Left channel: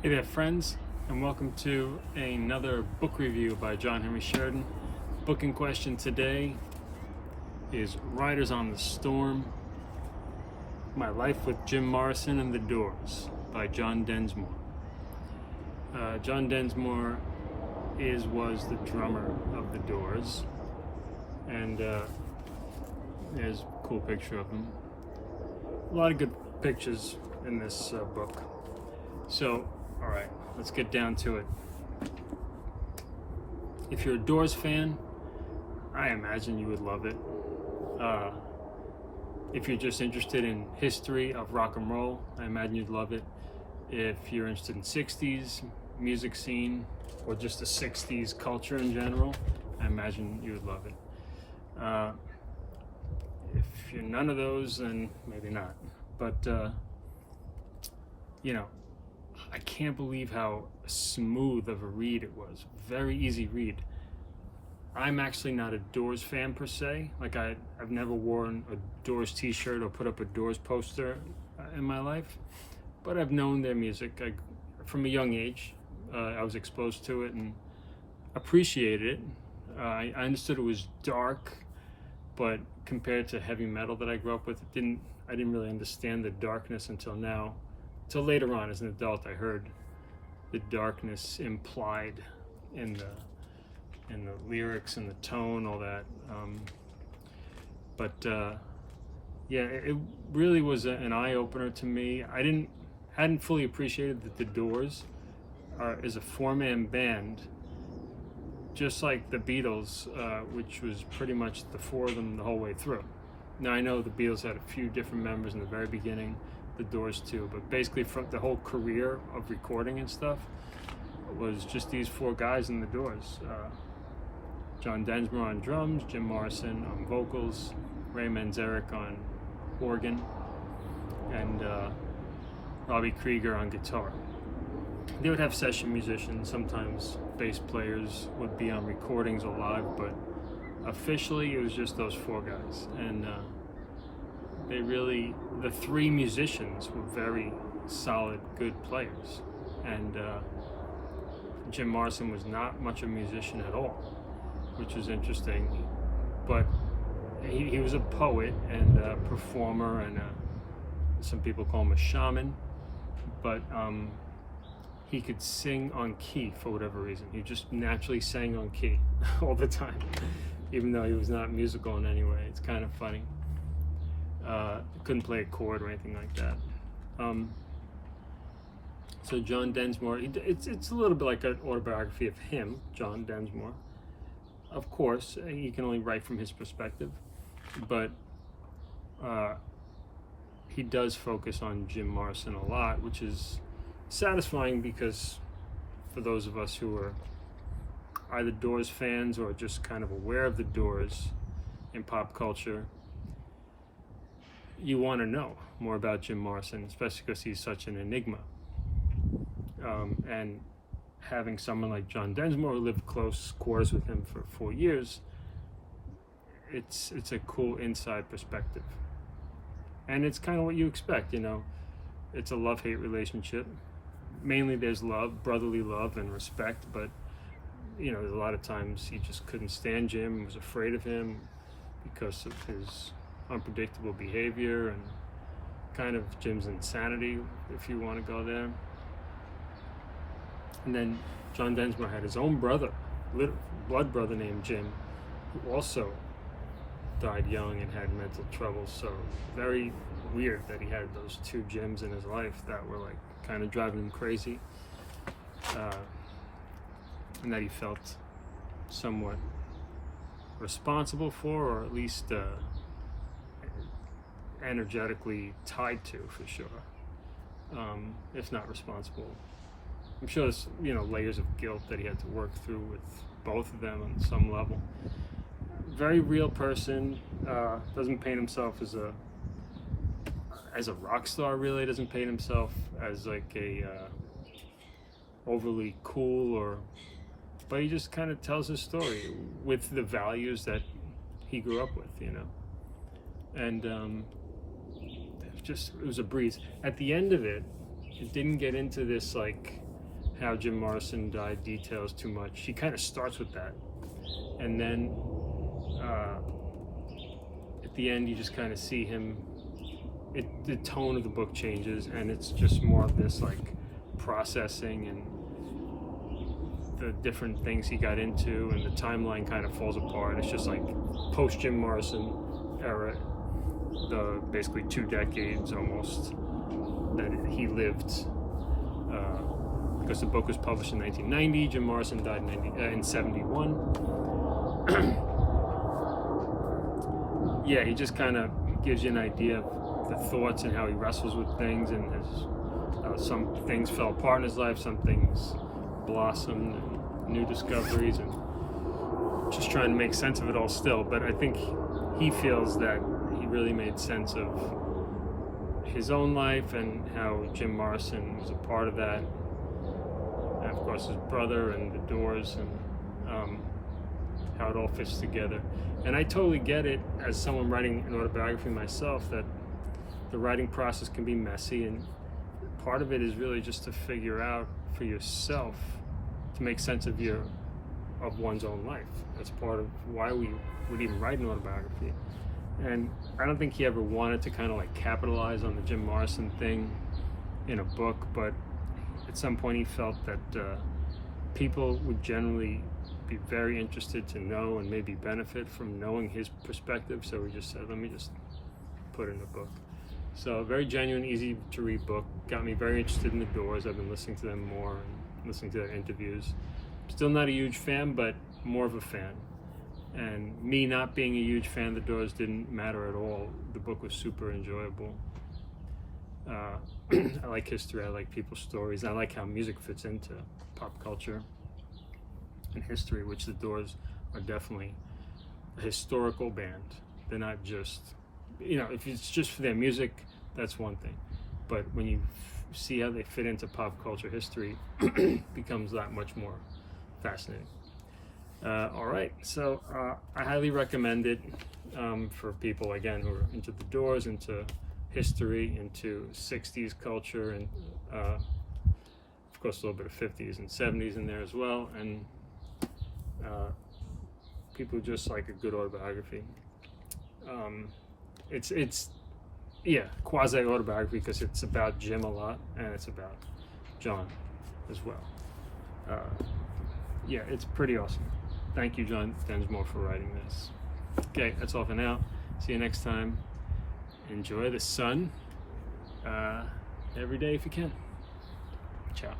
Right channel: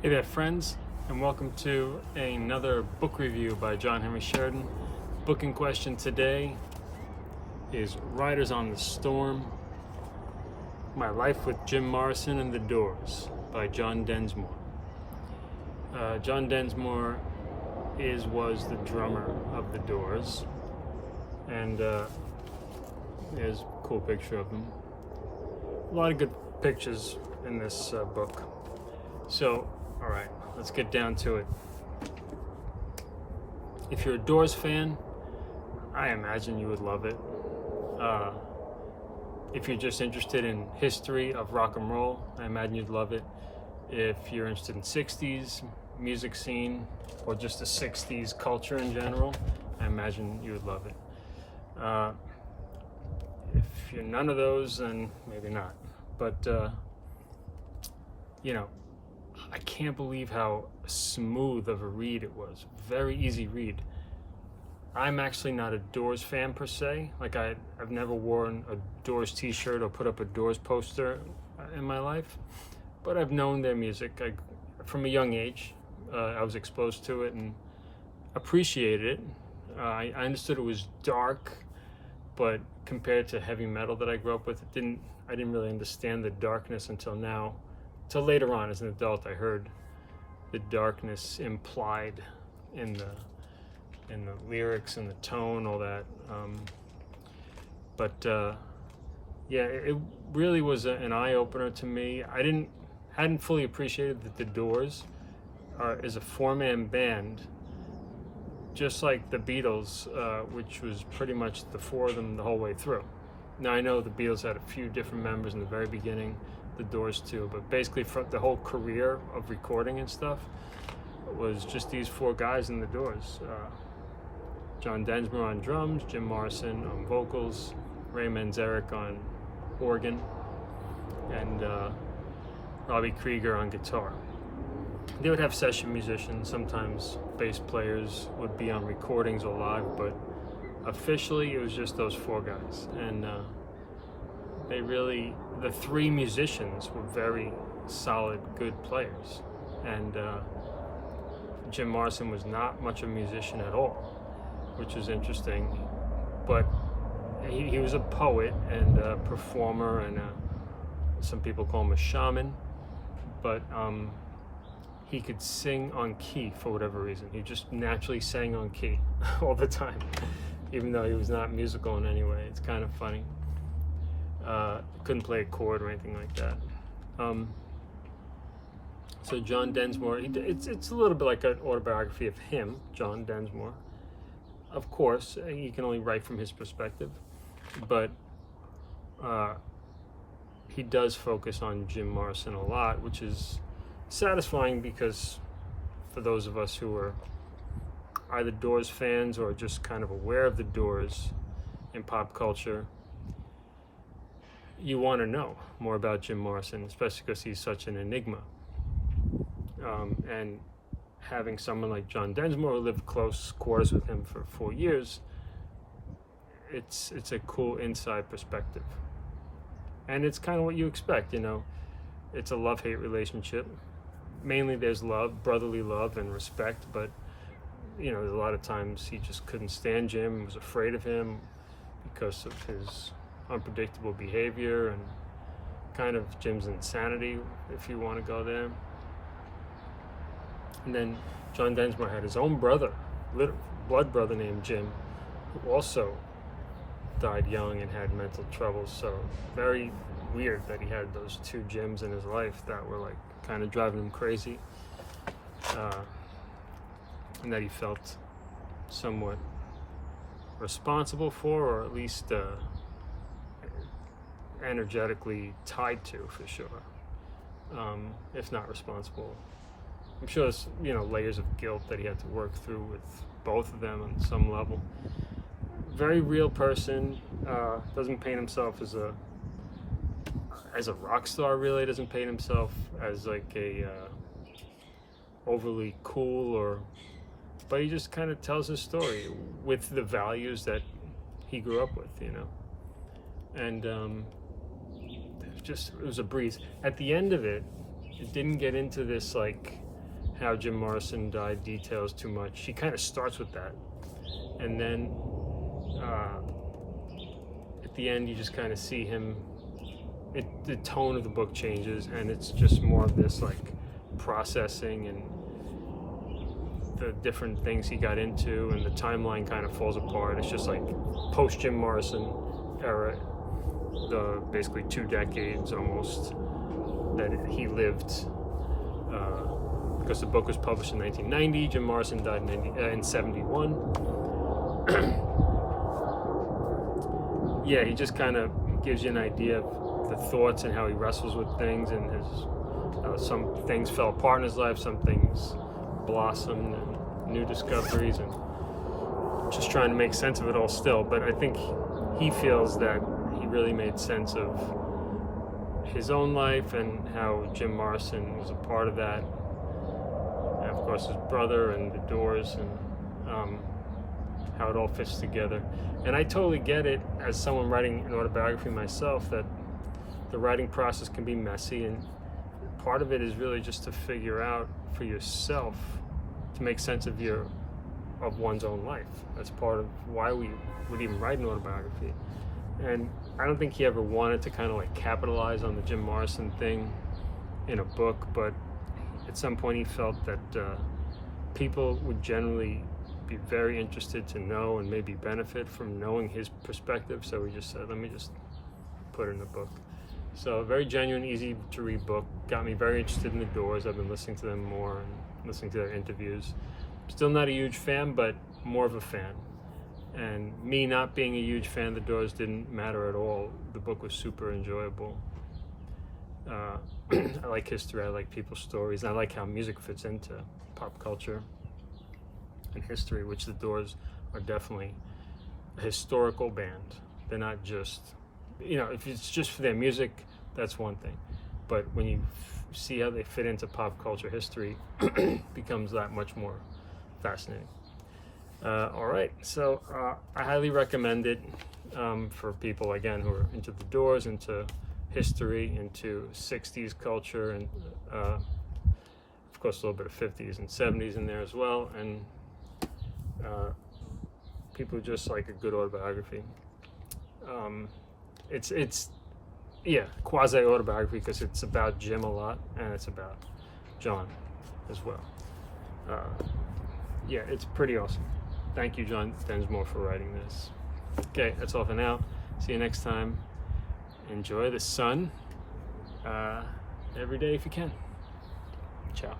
Hey there, friends, and welcome to another book review by John Henry Sheridan. Book in question today is Riders on the Storm, My Life with Jim Morrison and the Doors by John Densmore. John Densmore was the drummer of the Doors, and there's a cool picture of him. A lot of good pictures in this book. So, all right, let's get down to it. If you're a Doors fan, I imagine you would love it. If you're just interested in history of rock and roll, I imagine you'd love it. If you're interested in 60s music scene or just the 60s culture in general, I imagine you would love it. If you're none of those, then maybe not. But, I can't believe how smooth of a read it was. Very easy read. I'm actually not a Doors fan per se. Like I've never worn a Doors t-shirt or put up a Doors poster in my life, but I've known their music. From a young age, I was exposed to it and appreciated it. I understood it was dark, but compared to heavy metal that I grew up with, I didn't really understand the darkness until now. Till later on, as an adult, I heard the darkness implied in the lyrics and the tone, all that. It really was an eye opener to me. I hadn't fully appreciated that the Doors is a four-man band, just like the Beatles, which was pretty much the four of them the whole way through. Now I know the Beatles had a few different members in the very beginning. The Doors too, but basically from the whole career of recording and stuff was just these four guys in the Doors. John Densmore on drums, Jim Morrison on vocals, Ray Manzarek on organ, and Robbie Krieger on guitar. They would have session musicians, sometimes bass players would be on recordings or live, but officially it was just those four guys. And the three musicians were very solid, good players. And Jim Morrison was not much of a musician at all, which was interesting. But he was a poet and a performer, and some people call him a shaman. But he could sing on key for whatever reason. He just naturally sang on key all the time, even though he was not musical in any way. It's kind of funny. Couldn't play a chord or anything like that. So John Densmore, it's a little bit like an autobiography of him, John Densmore. Of course, he can only write from his perspective, but he does focus on Jim Morrison a lot, which is satisfying because for those of us who are either Doors fans or just kind of aware of the Doors in pop culture, you want to know more about Jim Morrison, especially because he's such an enigma. And having someone like John Densmore who lived close quarters with him for 4 years, it's a cool inside perspective. And it's kind of what you expect, It's a love-hate relationship. Mainly there's love, brotherly love and respect, but, a lot of times he just couldn't stand Jim and was afraid of him because of his unpredictable behavior and kind of Jim's insanity, if you want to go there. And then John Densmore had his own brother, blood brother named Jim, who also died young and had mental troubles. So very weird that he had those two Jims in his life that were like kind of driving him crazy, and that he felt somewhat responsible for, or at least energetically tied to, for sure, if not responsible. I'm sure there's layers of guilt that he had to work through with both of them on some level. Very real person. Doesn't paint himself as a rock star, really. Doesn't paint himself as like a overly cool, but he just kind of tells his story with the values that he grew up with, and it was a breeze. At the end of it, it didn't get into this like how Jim Morrison died details too much. He kind of starts with that, and then at the end you just kind of see him. The tone of the book changes, and it's just more of this like processing and the different things he got into, and the timeline kind of falls apart. It's just like post Jim Morrison era, the basically 2 decades almost that he lived, because the book was published in 1990. Jim Morrison died in 71. Yeah, he just kind of gives you an idea of the thoughts and how he wrestles with things, and his some things fell apart in his life, some things blossomed, and new discoveries, and just trying to make sense of it all still. But I think he feels that he really made sense of his own life and how Jim Morrison was a part of that, and of course his brother and the Doors, and how it all fits together. And I totally get it, as someone writing an autobiography myself, that the writing process can be messy, and part of it is really just to figure out for yourself, to make sense of one's own life. That's part of why we would even write an autobiography. And I don't think he ever wanted to kind of like capitalize on the Jim Morrison thing in a book, but at some point he felt that people would generally be very interested to know and maybe benefit from knowing his perspective. So he just said, let me just put it in a book. So a very genuine, easy to read book. Got me very interested in the Doors. I've been listening to them more and listening to their interviews. Still not a huge fan, but more of a fan. And me not being a huge fan of the Doors didn't matter at all. The book was super enjoyable. I like history, I like people's stories, and I like how music fits into pop culture and history, which the Doors are definitely a historical band. They're not just, if it's just for their music, that's one thing. But when you see how they fit into pop culture history, it becomes that much more fascinating. All right, so I highly recommend it for people, again, who are into the Doors, into history, into 60s culture, and of course a little bit of 50s and 70s in there as well, and people who just like a good autobiography. It's quasi-autobiography because it's about Jim a lot, and it's about John as well. It's pretty awesome. Thank you, John Densmore, for writing this. Okay, that's all for now. See you next time. Enjoy the sun every day if you can. Ciao.